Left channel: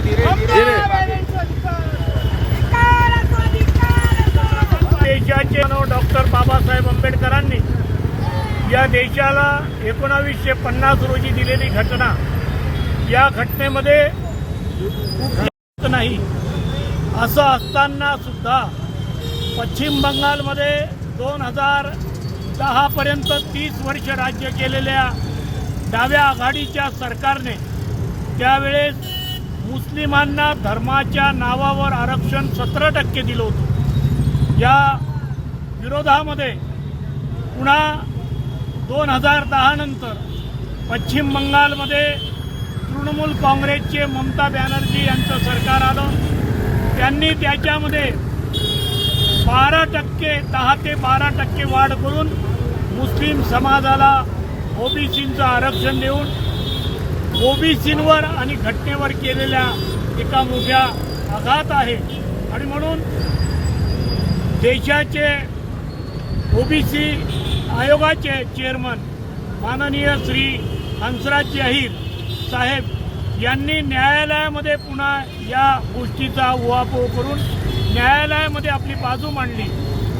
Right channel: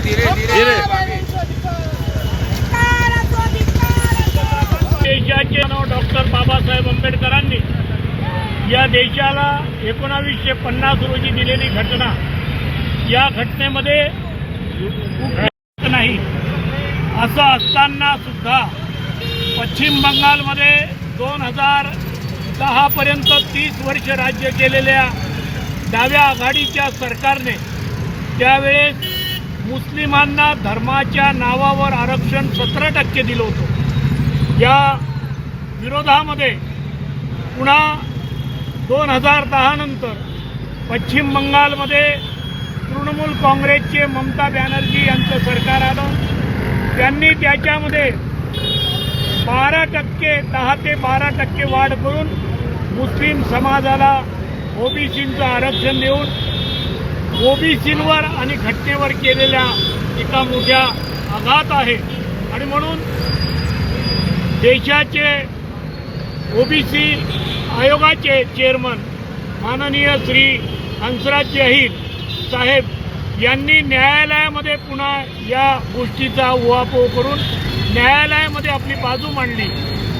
धीरे धीरे धीरे. देशाचे डॉक्टर बाबासाहेब आंबेडकरांनी या देशाला एकोणावीसशे पन्नास रोजी दिलेली घटना. या घटनेमध्ये नाही. असं असताना सुद्धा पश्चिम बंगालमध्ये दोन हजार दहापर्यंत तीस वर्ष राज्य केलेल्या डाव्या आघाडीच्या सरकारने त्यावेळेस मुस्लिमांना धर्माच्या नावावर आरक्षण सतरा टक्के दिलं होतं. या विरोधामध्ये पुन्हा दोन हजार दहानंतर पश्चिम बंगालमध्ये तृणमूल काँग्रेसचे ममता बॅनर्जी यांचं सरकार आलं. त्यांनी त्याच्यामध्ये बारा टक्के दहा ते बारा टक्के वाढ करून मुस्लिम समाजाला ओबीसींचं आरक्षण देऊन ओबीसींवर आणि घटनेवर केलेल्या एका मोठ्या आघात आहे. आणि म्हणून देशाचे ओबीसी आयोगाचे चेअरमन माननीय श्री हंसराज अहिर साहेब यांनी न्यायालयामध्ये पुन्हा या गोष्टीचा उहापोह करून न्यायालयामध्ये आपली बाजू मांडली.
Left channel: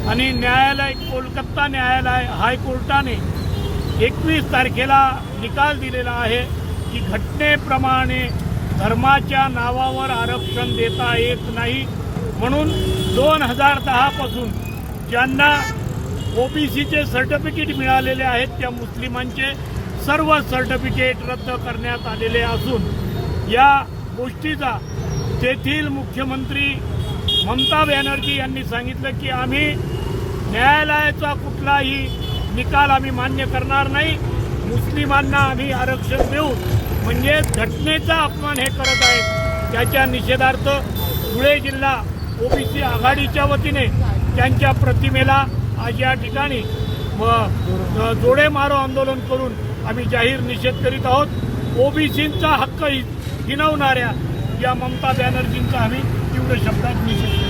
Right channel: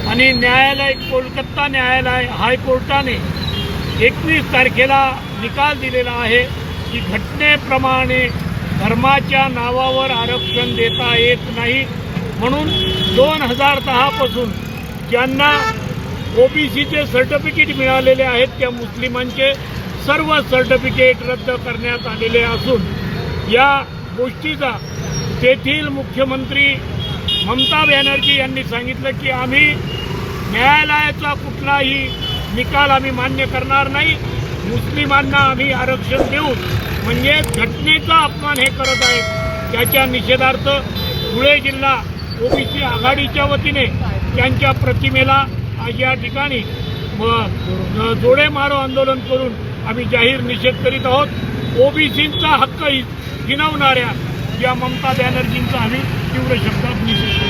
आणि न्यायालय कोलकाता न्यायालय हायकोर्टाने एकवीस तारखेला निकाल दिलेला आहे. की घटनेप्रमाणे धर्माच्या नावावर आरक्षण देता येत नाही. म्हणून दोन हजार दहापासून ज्यांना ओबीसीचे सर्टिफिकेट मिळालेले आहेत त्या मुस्लिमांचे सर्व सर्टिफिकेट रद्द करण्यात आलेले असून या गोष्टीचा तेथील मुख्यमंत्री ममता बॅनर्जी यांनी सांगितलं की आम्ही न्यायालयाचा कुठलाही निकाल आम्ही मान्य करणार नाही. मुस्लिमांना आम्ही आरक्षण देऊन म्हणजे घटनेचा अपमान हे करत आहेत त्याच्या निषेधार्थ धुळे जिल्हा ओबीसी आघाडीच्या वतीने त्यांच्या प्रतिमेला आज या ठिकाणी जोडे मारो आंदोलन करून आम्ही जाहीर निषेध करीत आहोत. ओबीसींचा हक्क हिनवणाऱ्या या ममता बॅनर्जींचा आम्ही तीव्र शब्दात निषेध